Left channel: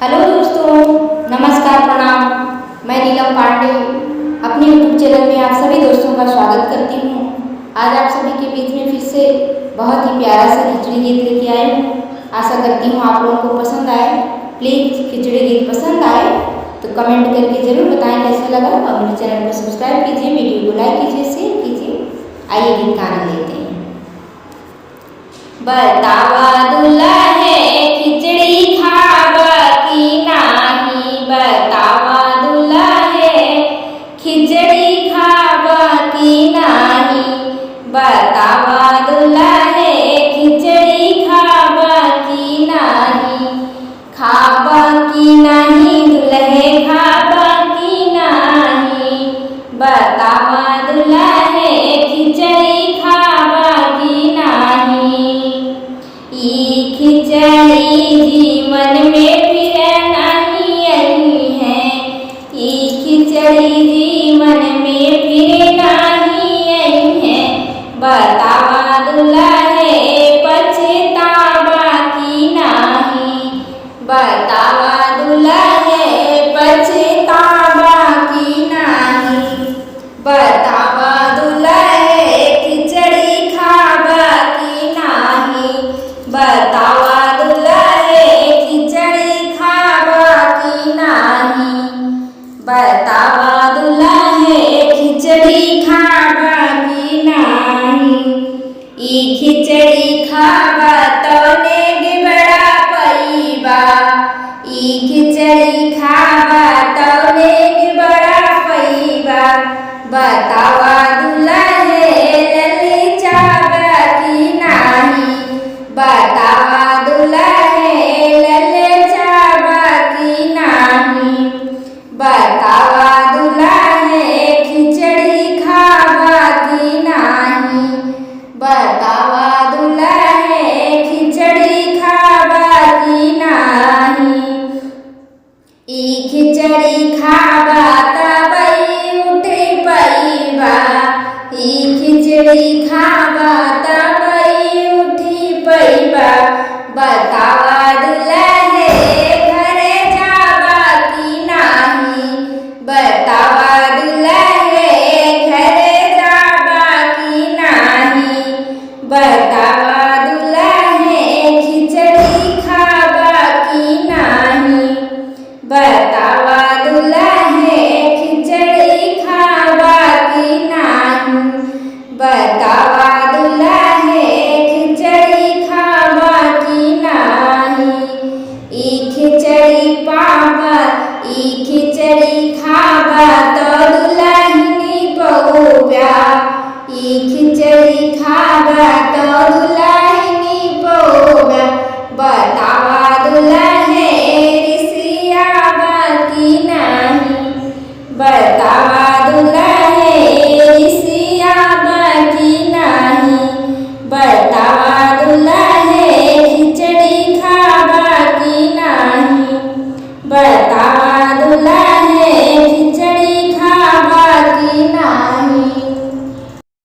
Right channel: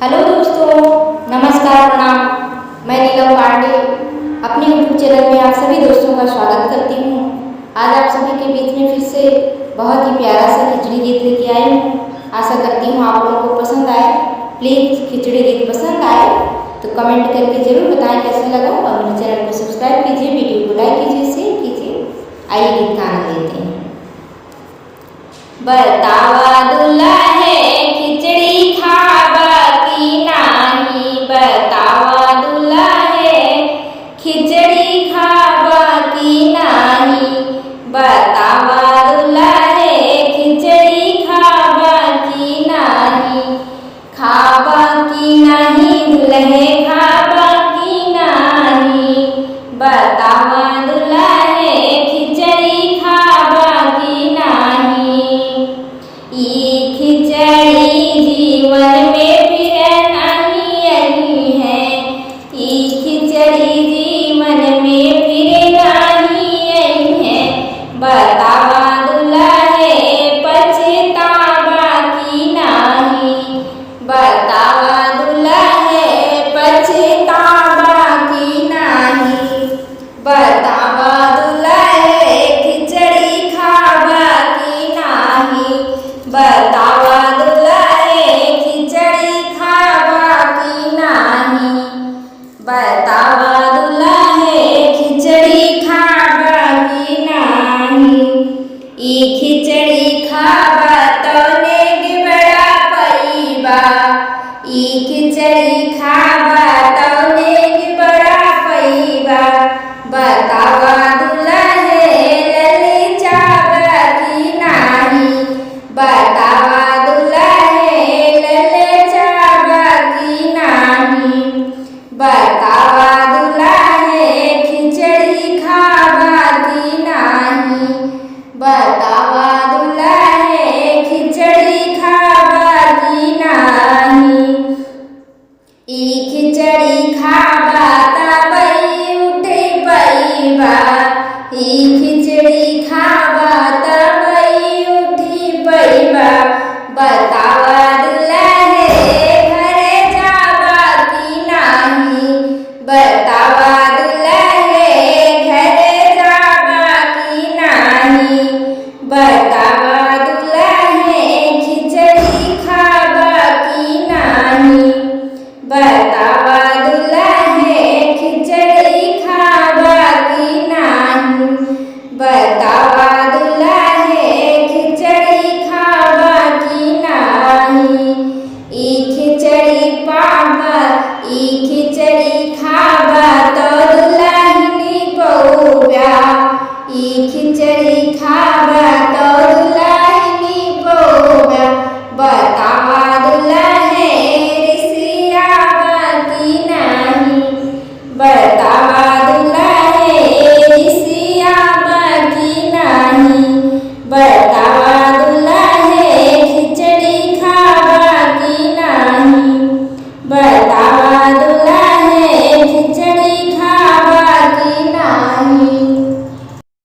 Hello दोस्तों, नमस्कार, प्रणाम। मैं नीलम पांडे अपने यूट्यूब चैनल में आप सभी दोस्तों का स्वागत करती हूँ। आज आप सभी के बीच में फिर से बहुत ही प्यारा सा खिचड़ी गीत लेके आई हूँ। आशा करती हूँ आप लोगों को पसंद आए। प्लीज़ खिचड़ी गीत पसंद आए तो कमेंट करके ज़रूर बताएं कैसा लगा, और मेरे चैनल को सब्सक्राइब कीजिए, वीडियो को लाइक कीजिए, शेयर कीजिए। आइए गीत का आनंद लेते हैं। बतावा दुल्हे खिचड़ी खावा की नाही, बतावा दुल्हे खिचड़ी खावा की नाही, बतावा दुल्हे खिचड़ी खावा की नाही, खावा की नाही दुल्हे खावा की नाही, बतावा दुल्हे खिचड़ी खावा की नाही। ई खिचड़ी जीवन में फिर नहीं आई है, ई खिचड़ी जीवन में फिर नहीं आई है, बतावा दुल्हे पछतावा की नाही, बतावा दुल्हे पछतावा की नाही, बतावा दुल्हे खिचड़ी खावा की नाही, बतावा दुल्हे खिचड़ी खावा की नाही, बतावा दुल्हे खिचड़ी खावा की नाही। ई खिचड़ी खावा तो नेग बड़ा पैबा, ई खिचड़ी खावा तो नेग बड़ा पैबा, बतावा दुल्हे ललचावा की नाही, बतावा दुल्हे ललचावा की नाही, बतावा दुल्हे खिचड़ी खावा की नाही, बतावा दुल्हे खिचड़ी खावा की नाही। ई खिचड़ी खावा तबई उठे पैबा, ई खिचड़ी खावा तबई उठी पैबा, बतावा दुल्हे घरे जावा की नाही, बतावा दुल्हे घरे जावा की नाही, बतावा दुल्हे खिचड़ी खावा की नाही, बतावा दुल्हे खिचड़ी खावा की नाही, बतावा दुल्हे खिचड़ी खावा की नाही। ई खिचड़ी पावा, ई खिचड़ी खावा तो दुल्हनी पौव्या, ई खिचड़ी खावा तो दुल्हनी पौव्या, बतावा दुल्हे रिसियावा की नाही, बतावा दुल्हे रिसियावा की नाही,